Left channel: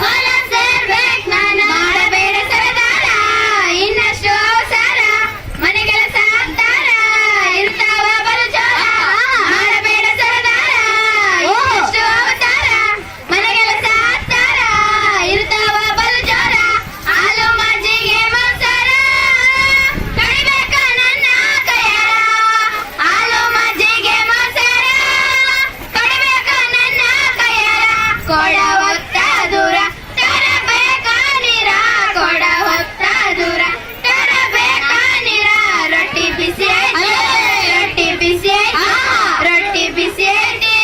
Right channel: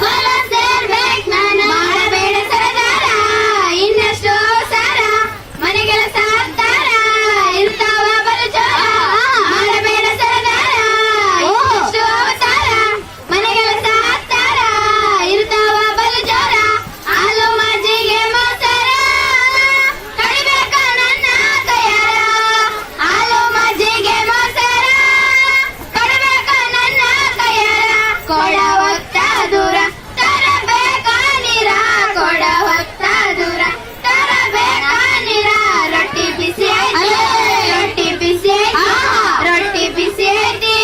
ಹೊಲ ಸೇರ್ಬೇಕ್ ನಾನ ಮಾಡಬೇಡ ಸರದಾರ ಇನ್ನಷ್ಟು ಸಾರ ಮನೆಗೆಲಸ ಆಗ್ತಾರ ಇರ್ತಾವ ಬಲು ಜೋರ ಮಾಡಬೇಡ ಸರದಾರ ಇನ್ನಷ್ಟು ಅವತಾರ ಮನೆಗೆಲಸ ಆಗ್ತಾರ ಇರ್ತಾವ ಬಲು ಜೋರ ಹಾಲು ಮಜ್ಜಿಗೆ ಮೊಸರ ಕಡಿಬೇಕ ನನ್ನ ಕೈಯಾರ ಹಾಲು ಮಜ್ಜಿಗೆ ಮೊಸರ ಕಡಿಬೇಕ ನನ್ನ ಕೈಯಾರ ಕೊಡ ಹೊತ್ತ ದೂರ ತರಬೇಕ ನೀರ ಕೊಡ ಹೊತ್ತ ದೂರ ತರಬೇಕ ನೀರ ರೊಟ್ಟಿ ಬಿಸಿ ಐತಿ ರೊಟ್ಟಿ ಬಿಸಿ ಐತಿ ರೊಟ್ಟಿ ಬಿಸಿ ಐತಿ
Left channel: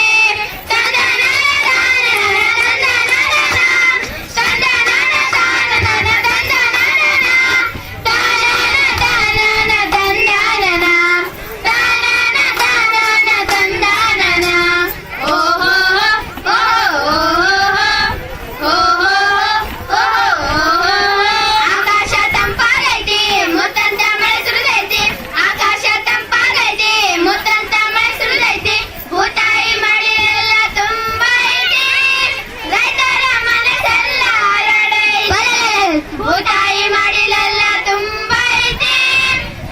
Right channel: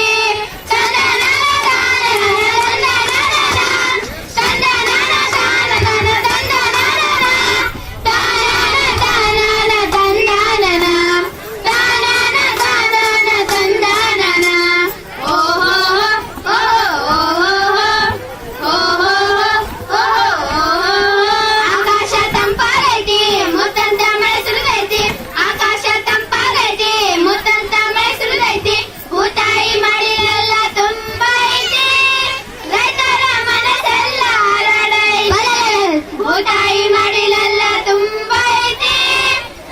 ಆಕಾಶ ತಂಪಾಗೈತಿ ಮುತ್ತಂತ ಮಳೆ ಸುರಿದೈತಿ ಆಕಾಶ ತಂಪಾಗೈತಿ ಮುತ್ತಂತ ಮಳೆ ಸುರಿದೈತಿ ಭೂತಾಯಿ ಮಳಿ ಎಲ್ಲ ತುಂಬಾ ಐತಿ ರೈತರ ಮನಸ್ಸೆಲ್ಲ ಹರಡೈತಿ ಭೂತಾಯಿ ಮಡಿಲೆಲ್ಲ ತುಂಬಾ ಐತಿ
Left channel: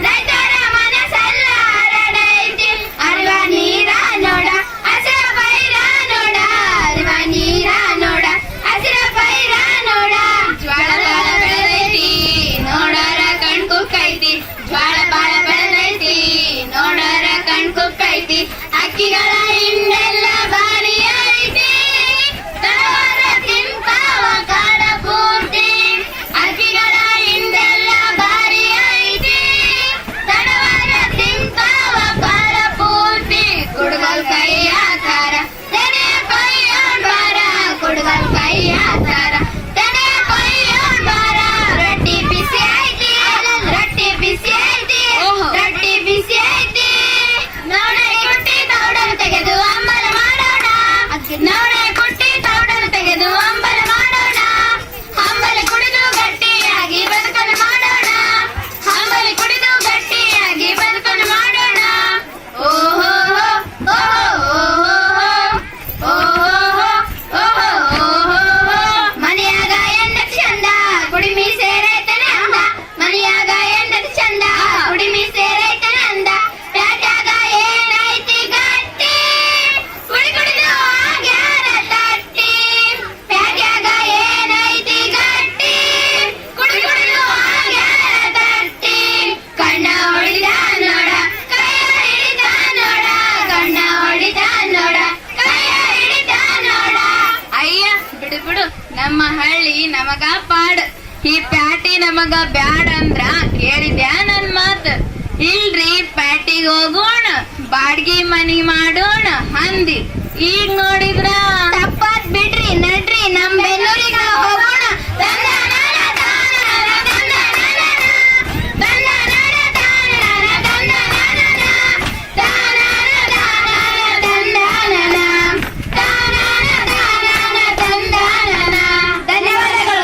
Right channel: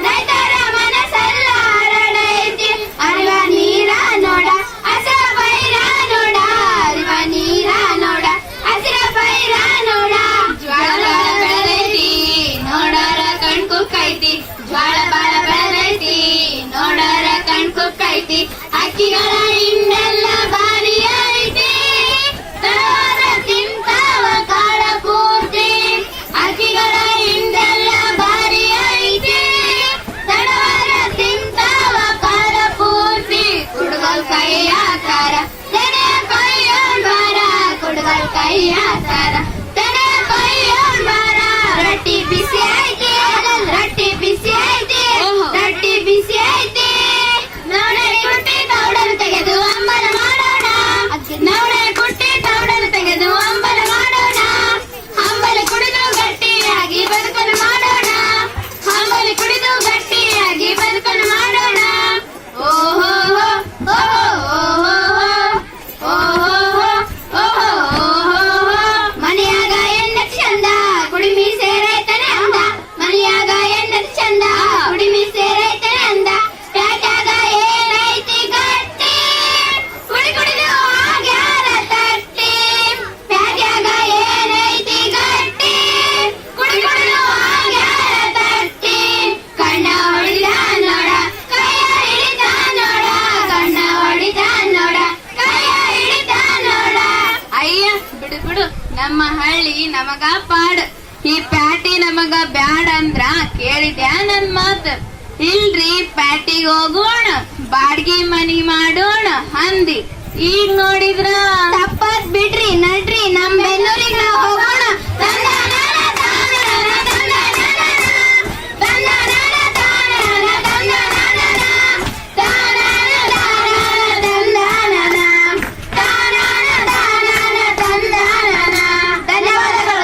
ರೈತರ ಮನಸ್ಸೆಲ್ಲ ಹರಡೈತಿ ಅರಿವ ನೀರ ನೋಡ ಹಸಿರ ಪೈರ ನೋಡ ಅರಿವ ನೀರ ನೋಡ ಹಸಿರ ಪೈರ ನೋಡ ಜ್ವಾಳ ಬಾಳ ಬೆಳೆದೈತಿ ನೋಡೋರ ಕಣ್ ಕುಕ್ಕೈತಿ ಜ್ವಾಳ ಬಾಳ ಬೆಳೆದೈತಿ ನೋಡೋರ ಕಣ್ ಕುಕ್ಕೈತಿ ಅಕ್ಕಿಗಳ ಹಿಂಡೆಲ್ಲ ಬಾರಿ ಐತಿ ತರವಾರ ತಿಂತಾವ ಕಾಲ ಪೂರ್ತಿ ಅಕ್ಕಿಗಳ ಹಿಂಡೆಲ್ಲ ಬಾರಿ ಐತಿ ತಡವಾರ ತಿಂತಾವ ಕಾಲ ಪೂರ್ತಿ ಕುಡುಗಲ್ ಕೈಯ ತಾರ ತೆನೆ ಕೊಯ್ಯೋಣ್ ಬಾರ ಕುಡುಗಲ್ ಕೈಯ ತಾರ ತೆನೆ ಕೊಯ್ಯೋಣ್ ಬಾರ ರೊಟ್ಟಿ ಬಿಸಿ ಐತಿ ರೊಟ್ಟಿ ಬಿಸಿ ಐತಿ ರೊಟ್ಟಿ ಬಿಸಿ ಐತಿ ನವಣೆ ಕುಟ್ಟಿ ತೌಡಲು ತೆಗೆದು ಅಂಬಲ ಮಾಡೋಣ ನವಣೆ ಕುಟ್ಟಿ ತೌಡಲು ತೆಗೆದು ಅಂಬಲ ಮಾಡೋಣ ಅಂಬಲಿ ಕುಡಿದು ಗಟ್ಟಿಯಾಗಿ ಬದುಕಲು ಮಾಡೋಣ ಅಂಬಲಿ ಕುಡಿದು ಗಟ್ಟಿಯಾಗಿ ಬದುಕಲು ಮಾಡೋಣ ಓಹೋ ಮನೆಯಾಗ ಹೆಂಡತಿ ಚಂದ ಕುಡಿಮಿ ಸೇರೈತನೆ ಅಂದ ಮನೆಯಾಗ ಹೆಂಡತಿ ಚಂದ ಕುಡಿಮಿ ಸೇರೈತನೆ ಅಂದ ಪ್ಯಾಟ್ಯಾಗ ಏನೈತಿ ಗಟ್ಟಿ ಕುಡಿ ಕುಡಿದು ಆಗ್ಯಾರ ತಟ್ಟಿ ಪ್ಯಾಟ್ಯಾಗ ಏನೈತಿ ಗಟ್ಟಿ ಕುಡಿ ಕುಡಿದು ಆಗ್ಯಾರ ತಟ್ಟಿ ಕಣ್ಣ ಹೊಡಿದ ನೋಡ ಕೈಯ ಹಿಡಿದ ನೋಡ ಕಣ್ಣ ಹೊಡಿದ ನೋಡ ಕೈಯ ಹಿಡಿದ ನೋಡ ಅಯ್ಯ ಬಿಡು ಬಿಡು ನಮ್ಮ ಹಳ್ಳಿ ನಮಗ ಪಾಡ್ ಈ ಪ್ಯಾಟಿ ನಮಗ ಬ್ಯಾಡ ಅಂದ್ರ ಕೇಳಿದ್ಯಾ ನನ್ ಮಾತ್ ಇಲ್ರಿ ಪ್ಯಾಟಿಗ್ ಹೋಗೋಣ ಬಾಡ್ಗಿ ಮನಿ ಮಾಡೋಣ ಅಂದಿ ಈಗ ನೋಡಿದ್ರ ತಪ್ಪತ್ ಬಿಡ